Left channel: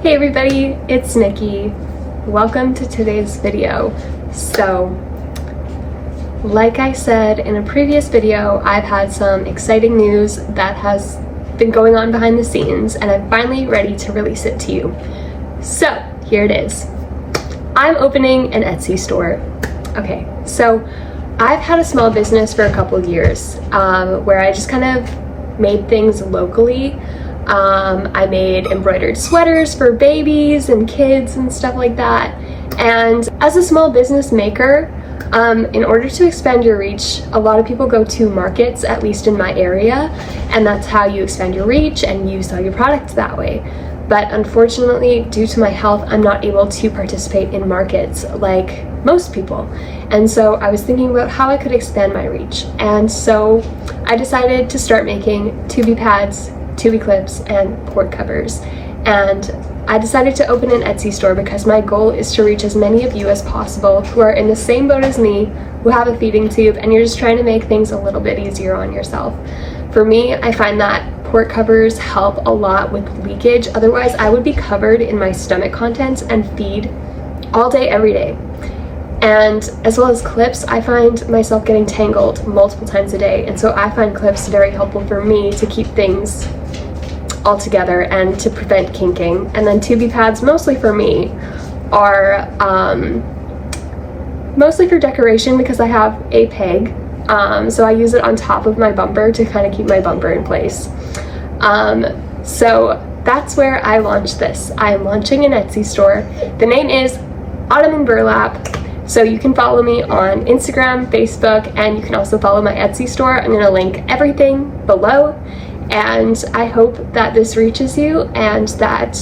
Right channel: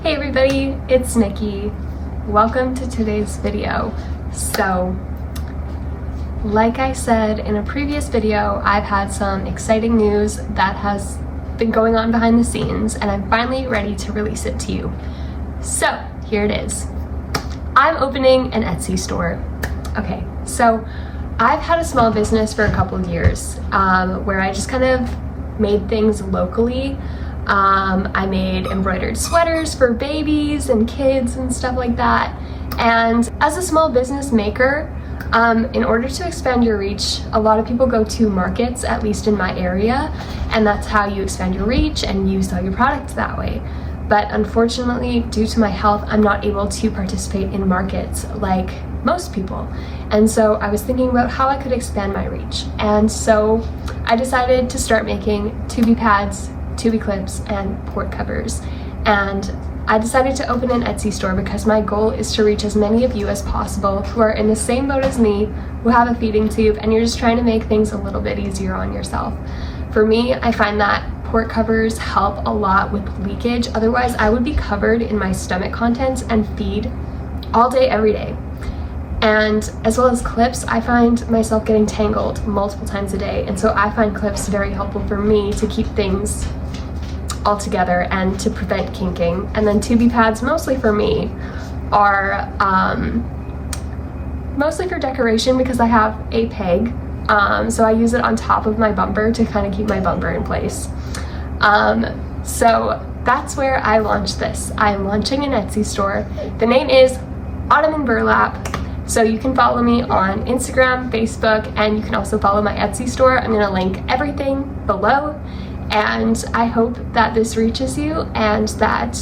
Hey everybody, it's Nikki. Welcome to today's video. So, like I said in a previous video, I've had some exciting news that has been going on behind the scenes and I'm finally ready to release it to you. So, here it is. I'm opening an Etsy store. Okay, so I've had a small business for a couple of years where I just kind of made things locally. I made embroidered sweaters for babies and kids and stuff like that. And as a small business maker, in order to expand your reach, a lot of people go to markets, at least in my area, and that's how you expand your reach and you sell your products that way. But unfortunately, due to my health, I'm not able to participate in markets like most people. And so I was thinking about how I could expand my reach. And so I decided to start making 2B pads, 2B clips, and port covers. And I decided to open an Etsy store because my goal is to reach as many of you as possible who are in the same boat as me, who have a feeding tube, and you're just trying to make things a little bit easier on yourself. For me, I find that port covers help a lot with leakage. Otherwise, I would be covered in my stomach contents and feed all day, every day. And as well as clips, I find myself getting tangled multiple times a day. And so I find clips very helpful for me to keep things all together and to prevent kinking. And then 2B pads, mostly for me, are mostly for decoration because I have a peg. So I use it on top of my bumper to kind of keep my bumper in place. So that's where I launched this. I am launching an Etsy store. The name is Autumn in Burlap. So you can follow me on Instagram, Facebook, and you can also follow my Etsy store. I'm gonna link everything below. And I hope that this reaches you and that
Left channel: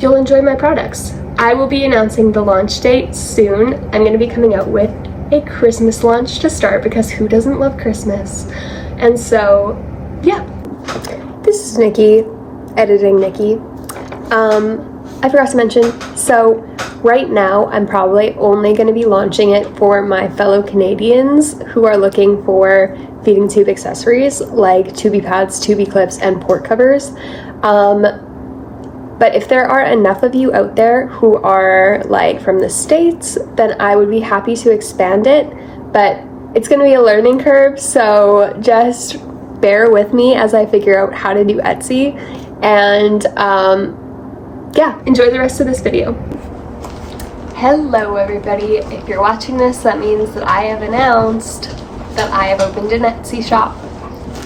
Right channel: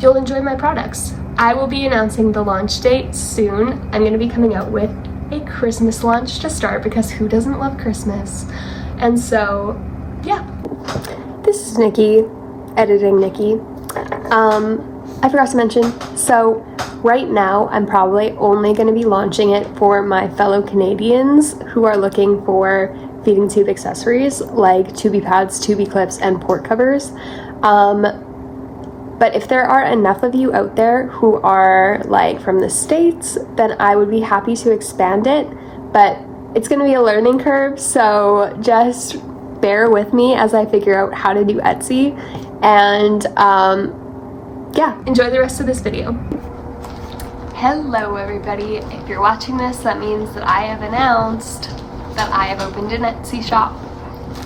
you'll enjoy my products. I will be announcing the launch date soon. I'm gonna be coming out with a Christmas launch to start because who doesn't love Christmas? And so, yeah. This is Nikki, editing Nikki. I forgot to mention, so right now I'm probably only going to be launching it for my fellow Canadians who are looking for feeding tube accessories like 2B pads, 2B clips, and port covers. But if there are enough of you out there who are like from the States, then I would be happy to expand it, but it's going to be a learning curve, so just bear with me as I figure out how to do Etsy. And yeah, enjoy the rest of this video. Hello everybody, if you're watching this, that means that I have announced that I have opened an Etsy shop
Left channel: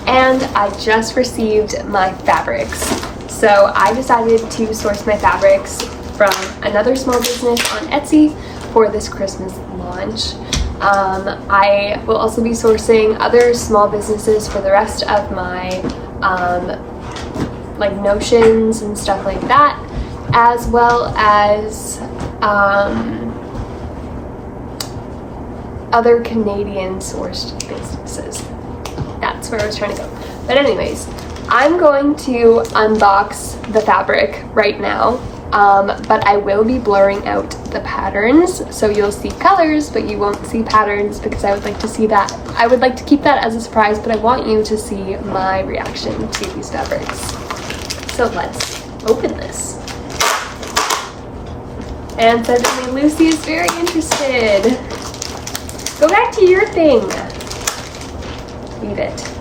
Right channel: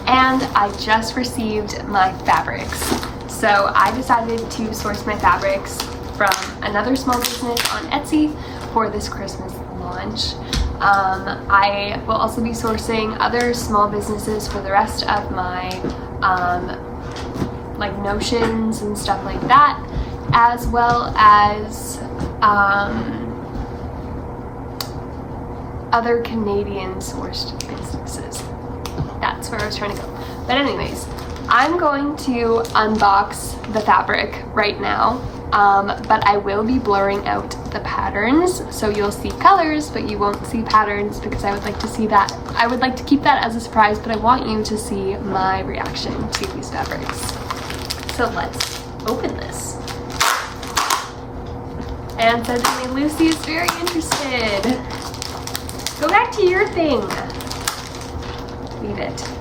and I just received my fabrics. So I decided to source my fabrics from another small business on Etsy for this Christmas launch. I will also be sourcing other small businesses for the rest of my like notions and stuff like that, as well as other Canadian sourced businesses. That's where I was trying to go. But anyways, I'm going to unbox the fabric right now, but I will be blurring out the patterns, so you'll see colors, but you won't see patterns because I would like to see that. I would like to keep that as a surprise, but I want you to see my reaction to these fabrics. So let's open this. And suddenly Lucy is very interested. Go back to your thing. Leave it.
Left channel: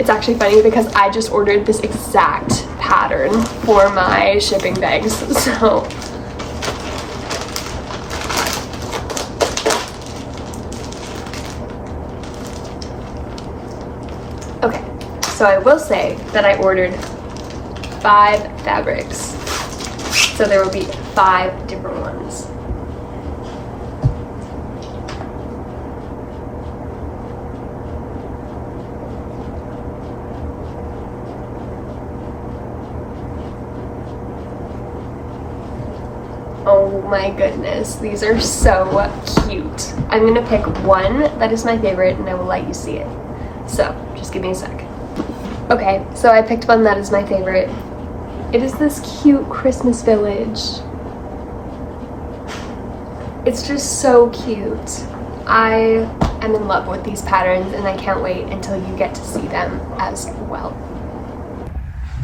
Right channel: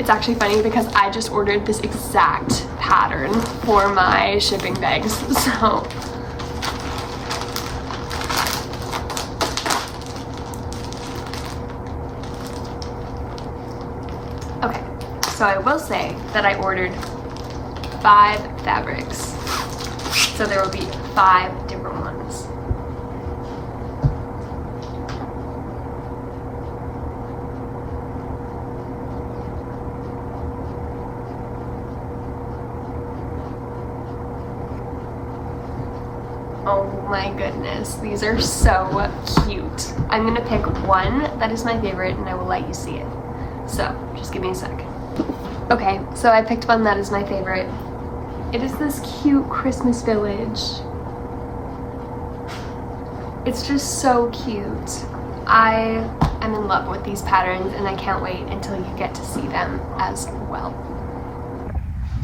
It's actually funny because I just ordered this exact pattern for my shipping bags, so. Okay, so I will say that I ordered 5 fabrics. So there will be 5 different ones. Oh my goodness, these are so cute. I'm gonna pick one that is my favorite and I will let you see it. So, just give me a sec. Okay, so I picked one that is my favorite. It is this cute Christmas village. It's just so cute. I am in love with these patterns and I can't wait until you get to see them as well.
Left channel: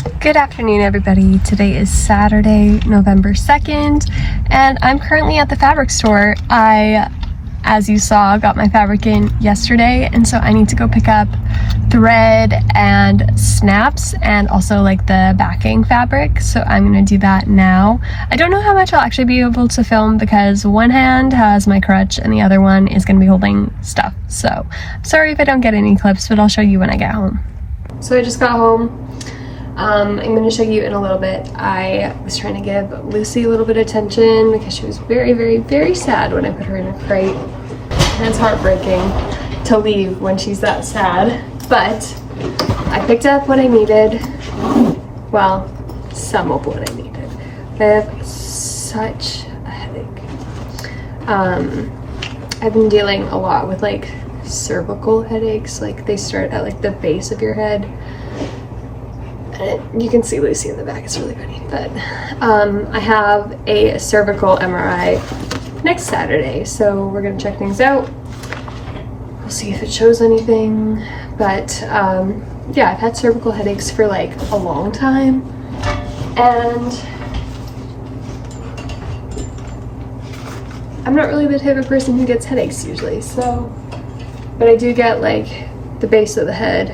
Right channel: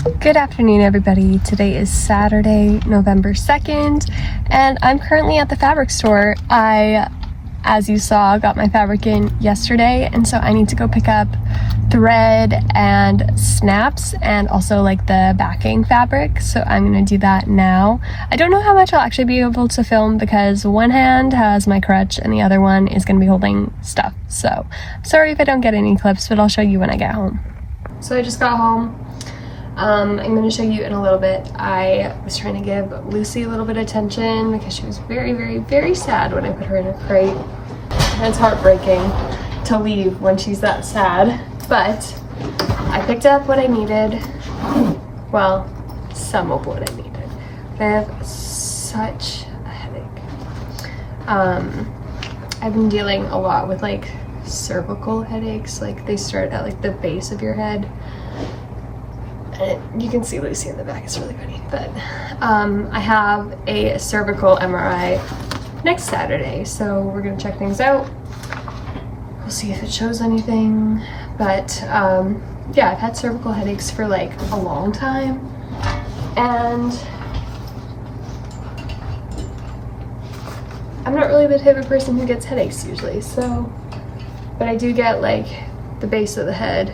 Good afternoon, everybody. Today is Saturday, November 2nd, and I'm currently at the fabric store. I, as you saw, got my fabric in yesterday, and so I need to go pick up thread and snaps and also like the backing fabric, so I'm gonna do that now. I don't know how much I'll actually be able to film because one hand has my crutch and the other one is gonna be holding stuff, so sorry if I don't get any clips, but I'll show you when I get home. So I just got home. I'm going to show you in a little bit. I was trying to give Lucy a little bit of attention because she was very, very, very sad when I put her in a crate. And it's heartbreaking to leave when she's that sad. But I picked up what I needed. Well, some of what I needed. I have such a headache. I've been dealing a lot with like cervical headaches. Like they start at like the base of your head. You can see Lucy in the back, it's really funny, but I have a cervical MRI next Saturday, so we're gonna check things out. We'll see if it shows anything, but yeah, I've had cervical headaches for like a long time, and I'm not really the type of person who gets headaches usually, so, but I do get like the base of the head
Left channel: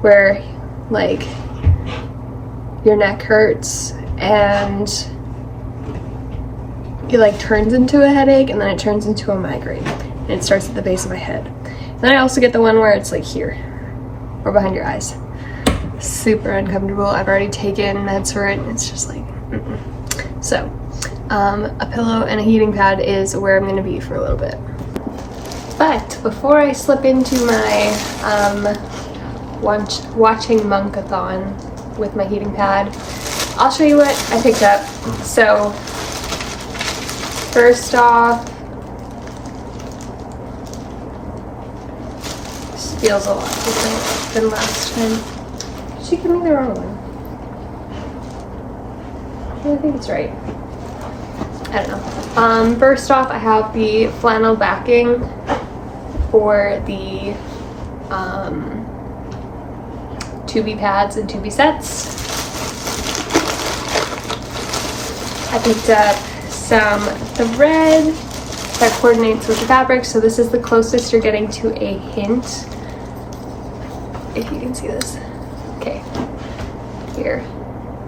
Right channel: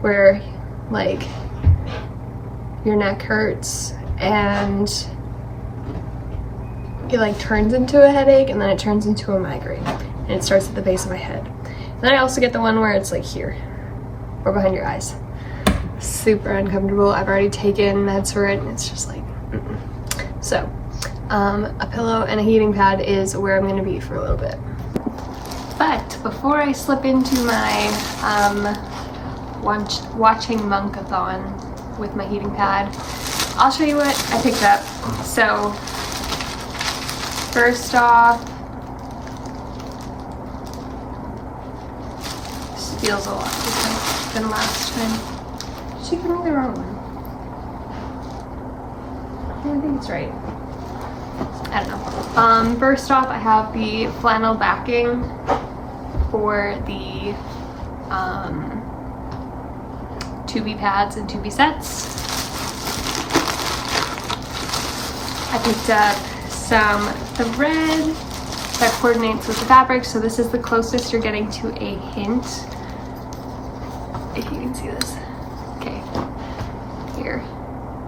where like your neck hurts and it like turns into a headache and then it turns into a migraine and it starts at the base of my head. And then I also get the one where it's like here or behind your eyes. Super uncomfortable. I've already taken meds for it and it's just like So a pillow and a heating pad is where I'm going to be for a little bit. But before I slip into my watching Monkathon with my heating pad, I'll show you what I picked up. So first off, this feels a lot different than last time. Did she give me the wrong one? Yeah, I think it's right. I don't know. First off, I have the flannel backing for the 2B pads and 2B sets. I picked up some thread that coordinates with the fabric, so this is the closest you're getting to a hint, if you can see this. Okay, here,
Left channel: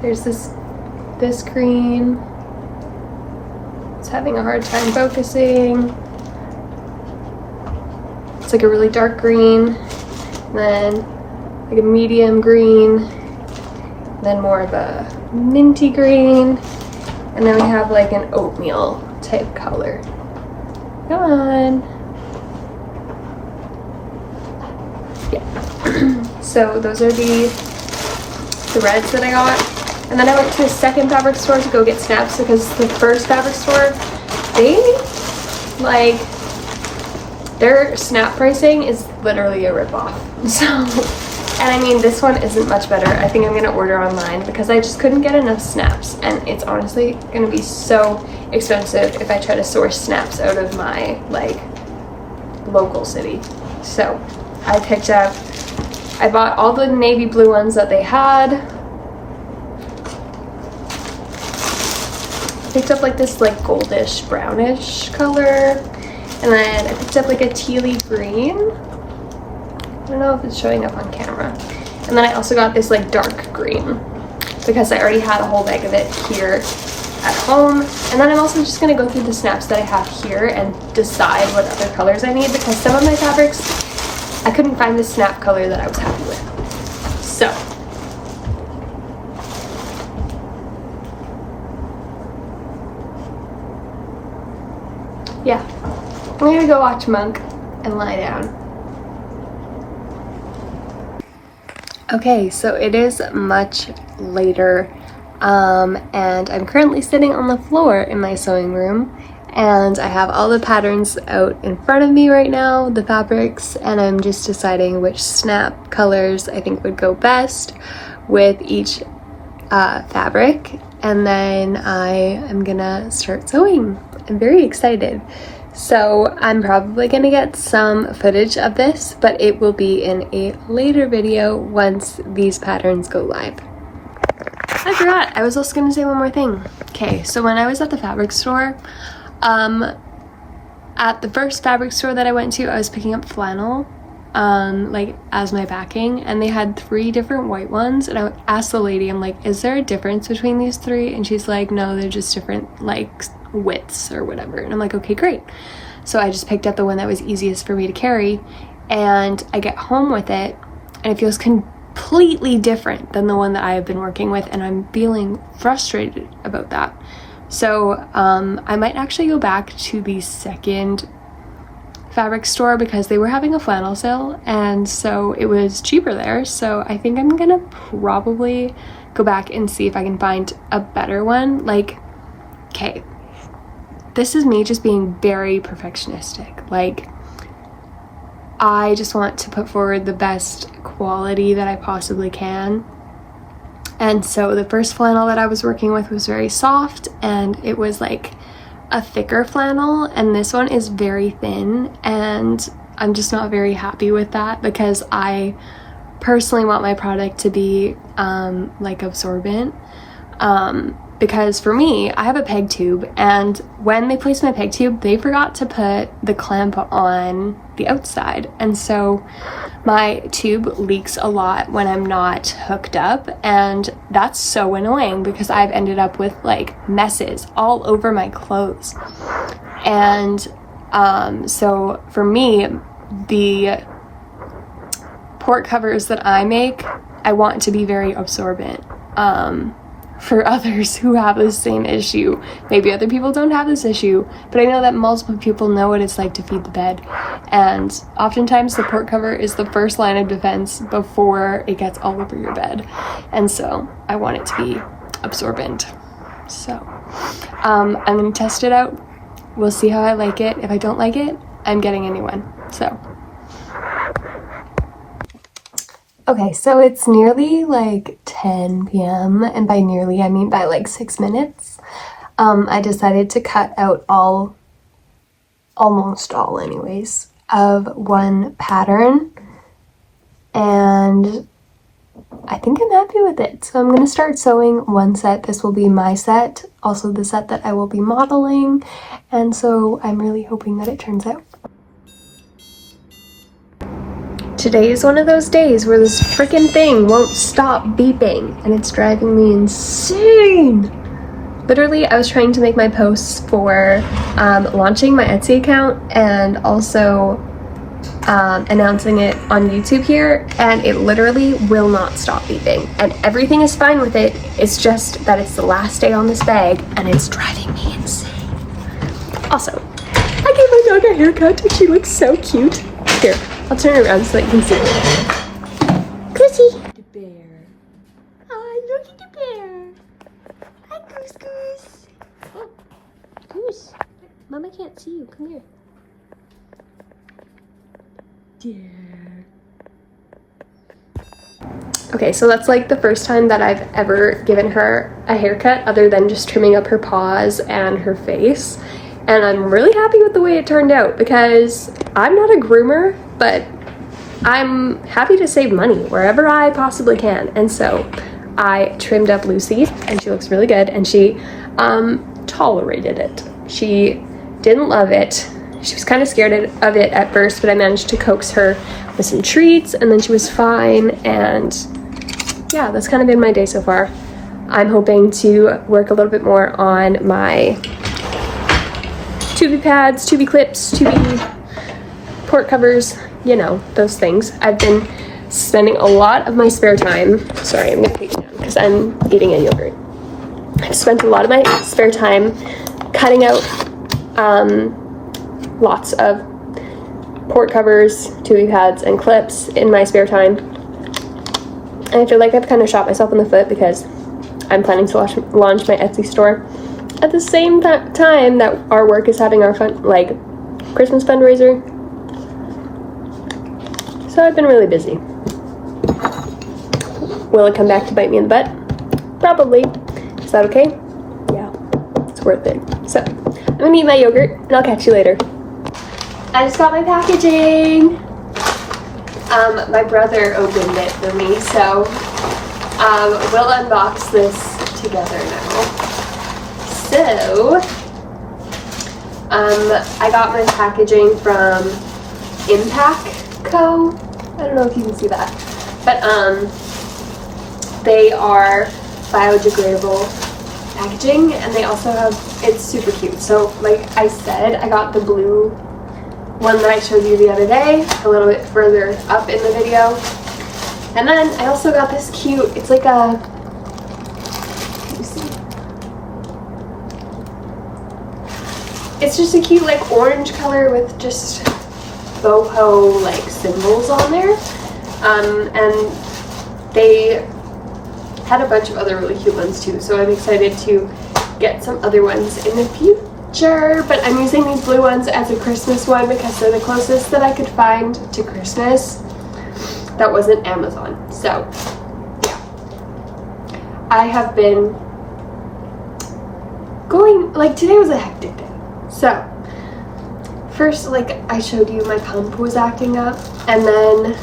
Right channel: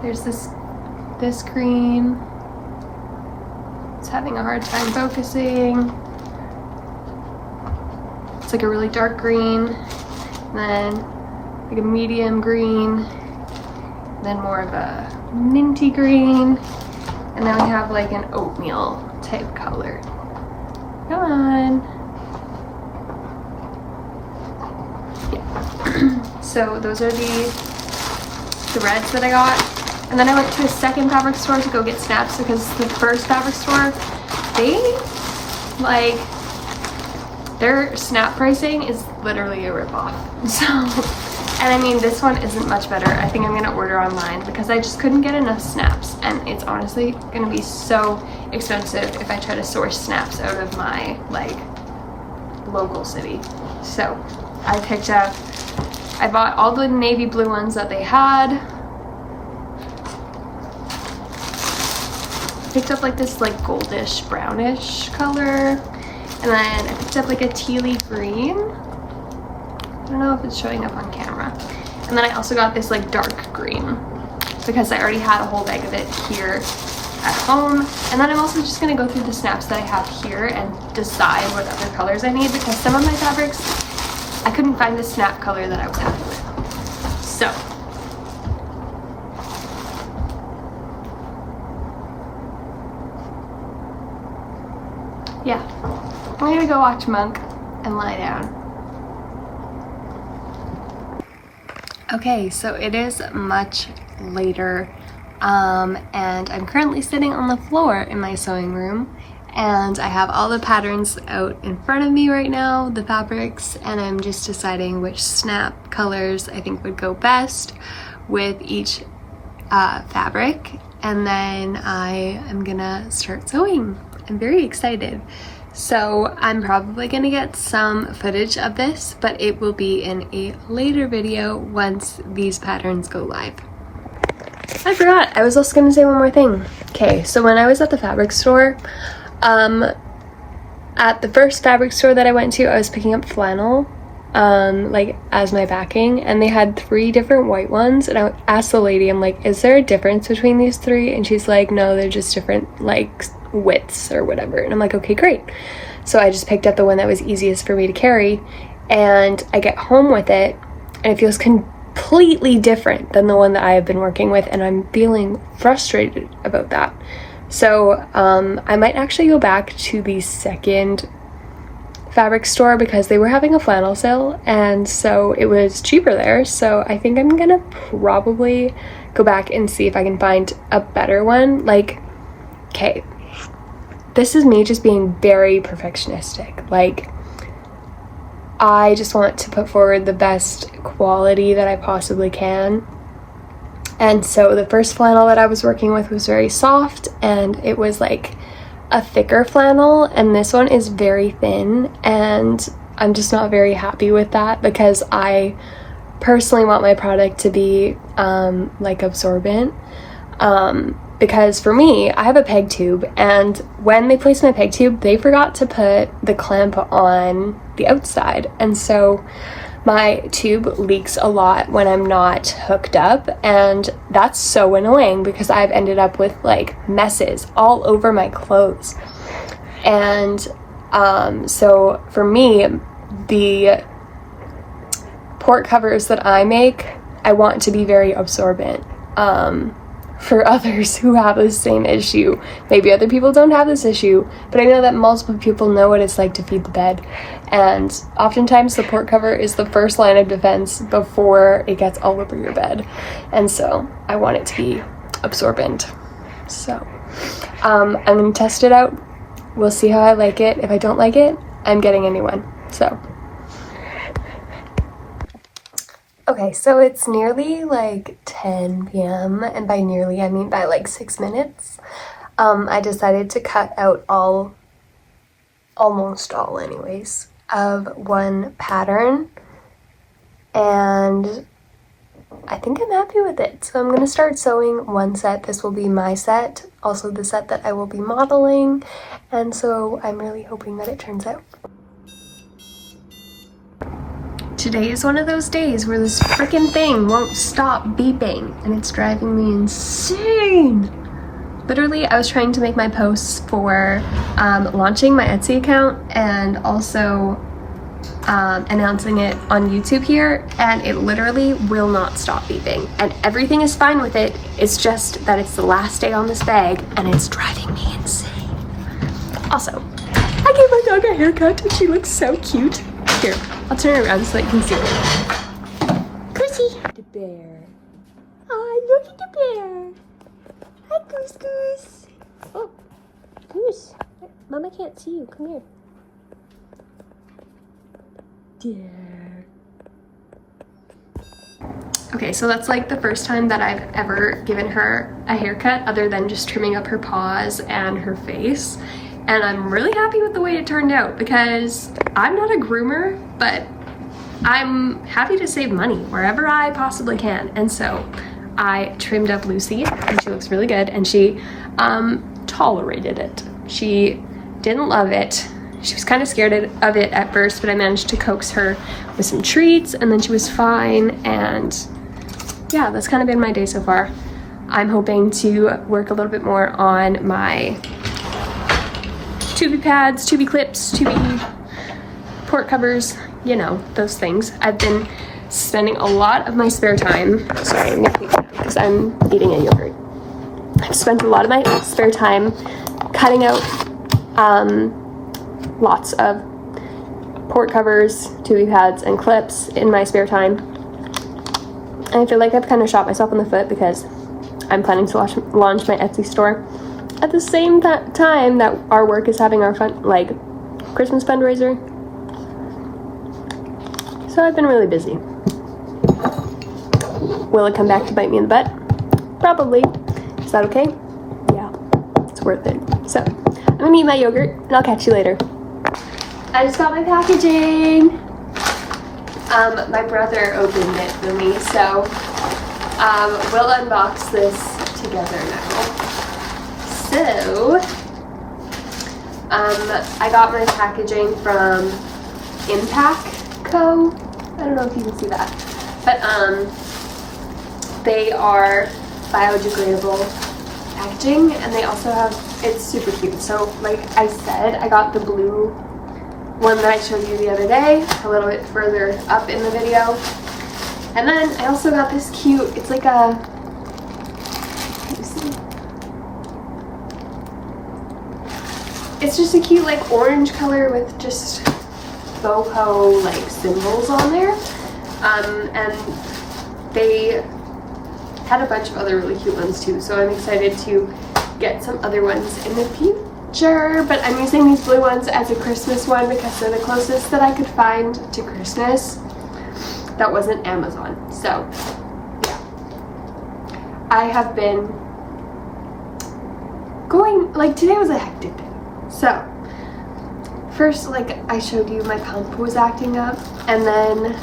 there's this green. It's having a hard time focusing. It's like a really dark green, and then like a medium green, then more of a minty green, and then we have like an oatmeal type color. Come on. Yeah. So those are the threads that I got. And then I went to a second fabric store to go get snaps because the first fabric store, they like, their snap pricing is literally a ripoff. So, and I mean, this one isn't much better. I think I'm gonna order online because I just couldn't get enough snaps, and it's honestly gonna be so expensive if I try to source snaps out of my like local city. So I bought all the navy blue ones that they had. Picked up like this like goldish brownish color, and then I picked up like a tealy green. I don't know if it's showing up on camera. And then I also got this like dark green because I already had a whole bag of it here at home. And then I'm also just gonna go through the snaps that I have here and decide what other colors I need because some of my fabrics, I couldn't find the snap color that I was happy with. So, yeah, I'm gonna go watch Monk and lie down. Okay, so it is much later, and I'm currently sitting on the floor in my sewing room, and I have all the patterns out in front of me right now, the fabrics, and I'm just deciding which snap colors I think would go best with each fabric, and then I am gonna start sewing. I'm very excited. So I'm probably gonna get some footage of this, but it will be in a later video once these patterns go live. I forgot. I was also gonna say one more thing. Okay, so when I was at the fabric store, at the first fabric store that I went to, I was picking up flannel, like as my backing, and they had 3 different white ones, and I asked the lady, I'm like, is there a difference between these 3? And she's like, no, they're just different like widths or whatever. And I'm like, okay, great. So I just picked up the one that was easiest for me to carry, and I get home with it, and it feels completely different than the one that I have been working with, and I'm feeling frustrated about that. So I might actually go back to the second fabric store because they were having a flannel sale, and so it was cheaper there. So I think I'm gonna probably go back and see if I can find a better one. Like, okay, this is me just being very perfectionistic. Like, I just want to put forward the best quality that I possibly can. And so the first flannel that I was working with was very soft, and it was like a thicker flannel, and this one is very thin, and I'm just not very happy with that because I personally want my product to be like absorbent. Because for me, I have a peg tube, and when they placed my peg tube, they forgot to put the clamp on the outside, and so my tube leaks a lot when I'm not hooked up, and that's so annoying because I've ended up with like messes all over my clothes. And so for me, the port covers that I make, I want to be very absorbent. For others who have the same issue, maybe other people don't have this issue, but I know that multiple people know what it's like to feed the bed, and oftentimes the port cover is the first line of defense before it gets all over your bed, and so I want it to be absorbent. So I'm gonna test it out. We'll see how I like it. If I don't like it, I'm getting a new one. So okay, so it's nearly like 10 p.m. and by nearly I mean by like 6 minutes. I decided to cut out almost all anyways, of one pattern, and I think I'm happy with it. So I'm gonna start sewing one set. This will be my set, also the set that I will be modeling, and so I'm really hoping that it turns out. Today is one of those days where this freaking thing won't stop beeping, and it's driving me insane. Literally, I was trying to make my posts for launching my Etsy account and also announcing it on YouTube here, and it literally will not stop beeping. And everything is fine with it. It's just that it's the last day on this bag, and it's driving me insane. Also, I gave my dog a haircut, and she looks so cute. Here, I'll turn it around so that you can see. Goosey! The bear. Oh, look at the bear. Hi, Goose Goose. Oh, Goose. Mama can't see you. Come here. Dear. Okay, so that's like the first time that I've ever given her a haircut other than just trimming up her paws and her face. And I'm really happy with the way it turned out because I'm not a groomer, but I'm happy to save money wherever I possibly can. And so I trimmed up Lucy, and she looks really good, and she tolerated it. She didn't love it. She was kind of scared of it at first, but I managed to coax her with some treats, and then she was fine. And yeah, that's kind of been my day so far. I'm hoping to work a little bit more on my tubey pads, tubey clips, tubey port covers, you know, those things. I've been spending a lot of my spare time, sorry, I'm gonna take it down because I'm eating a yogurt. I've spent a lot of my spare time cutting out lots of port covers, tubey pads, and clips in my spare time. And I feel like I've kind of shot myself in the foot because I'm planning to launch my Etsy store at the same time that our work is having our Christmas fundraiser. So I've been really busy. Will it come back to bite me in the butt? Probably. Is that okay? Yeah, it's worth it. So I'm gonna eat my yogurt and I'll catch you later. I just got my packaging. My brother opened it for me, so we'll unbox this together now. So, I got my packaging from Impact Co. I don't know if you can see that, but they are biodegradable packaging, and they also have, it's super cute. So like I said, I got the blue one that I showed you the other day, a little bit further up in the video. And then I also got this cute, it's like a, let me see. It's just a cute like orange color with just boho like symbols on there. And they had a bunch of other really cute ones too, so I'm excited to get some other ones in the future. But I'm using these blue ones as a Christmas one because they're the closest that I could find to Christmas that wasn't Amazon. So yeah, I have been going, like today was a hectic day. So first, like I showed you, my pump was acting up, and then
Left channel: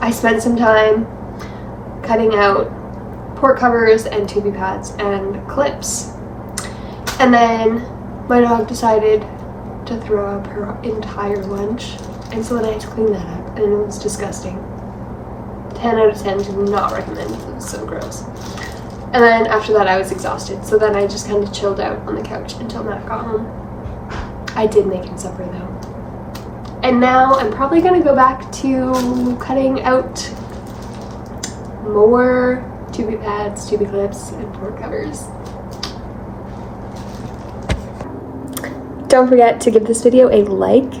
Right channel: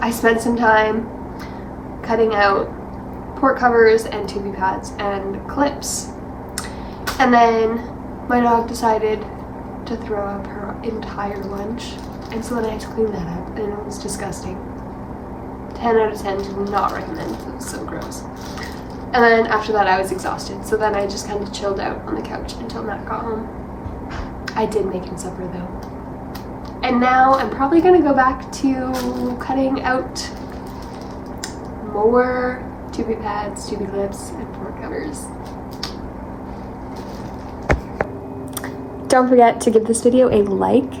I spent some time cutting out port covers and tubey pads and clips. And then my dog decided to throw up her entire lunch, and so then I had to clean that up, and it was disgusting. 10 out of 10, do not recommend. It was so gross. And then after that I was exhausted, so then I just kind of chilled out on the couch until Matt got home. I did make him supper though. And now I'm probably gonna go back to cutting out more tubey pads, tubey clips, and port covers. Don't forget to give this video a like,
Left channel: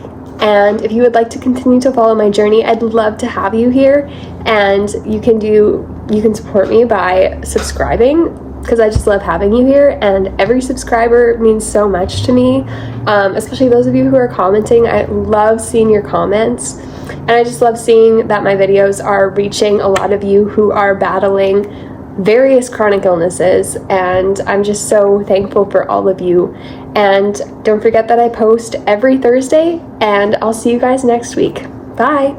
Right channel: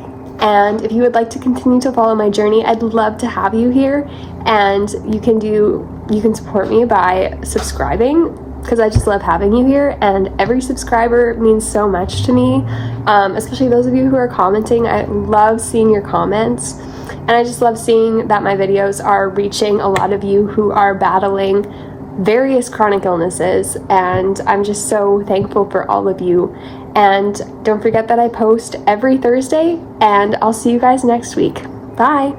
and if you would like to continue to follow my journey, I'd love to have you here. And you can support me by subscribing, because I just love having you here, and every subscriber means so much to me, especially those of you who are commenting. I love seeing your comments, and I just love seeing that my videos are reaching a lot of you who are battling various chronic illnesses, and I'm just so thankful for all of you. And don't forget that I post every Thursday, and I'll see you guys next week. Bye!